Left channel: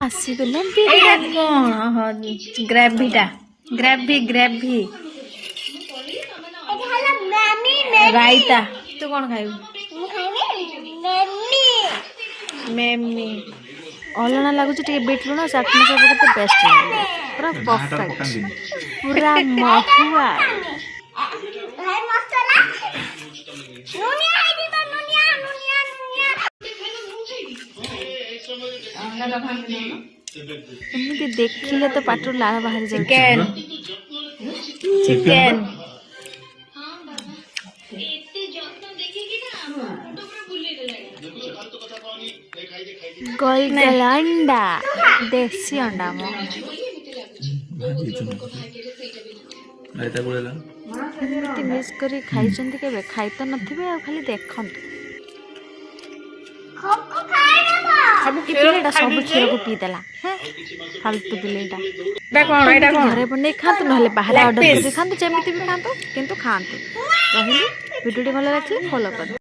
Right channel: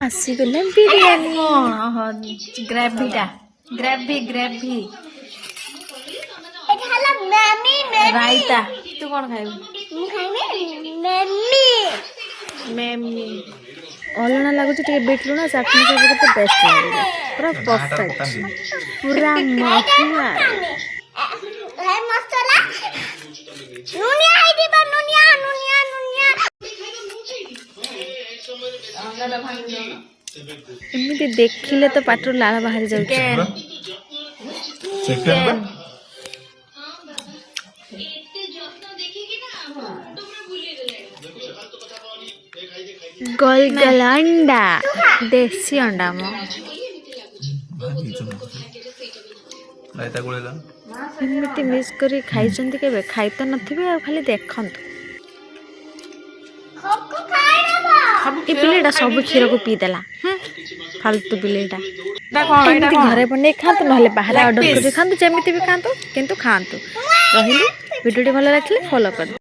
ଆସିଗଲା ବିରିୟାନୀ କଣ ଗ୍ରାଭିଟା ଗ୍ରାଭି ରାଇତା। ତୁ କଣ ଖାଇବୁ? ମେମି ଅଲଣା ଲାଗୁଛି ଟିକେ ବିଟ୍ ଲୁଣ ଚାଟଣି ସବୁ କେତେ ବେଷ୍ଟ ଲାଗିବ ପୁରା ପରଫେକ୍ଟ ପୁରା ମହୁଆ। ଏମିତି ଦେଖିଲେ ତ ପାଟିରୁ ଲାଳ ବାହାରି ଯାଉଛି। ଚିକେନ ଗୋଲଗୋଲ ଅଣ୍ଡା ଦେଶୀ ଅଣ୍ଡା ମ ଏମିତି ମିସ୍ କରି ଖାଇଛନ୍ତି କେବେ? ଖାଇ ତ ନଥିବେ ଆଉ ଖାଲି ଦେଖନ୍ତୁ। ପିଲେଟା ସବୁ କ୍ଷୀରକୁ ପିଇଦେଲା ଫାଲତୁ ପିଲେଟା। ଘରେ ବନେଇ ଖାଆନ୍ତୁ ନହେଲେ ବାହାରେ ଅର୍ଡର କରି ଖାଆନ୍ତୁ ଯେମିତି ବି ଖାଆନ୍ତୁ କିନ୍ତୁ ଖାଆନ୍ତୁ। ରହିଲି ଭିଡ଼ିଓଟି ଭଲ ଲାଗିଲେ ଫଲୋ କରିବେ।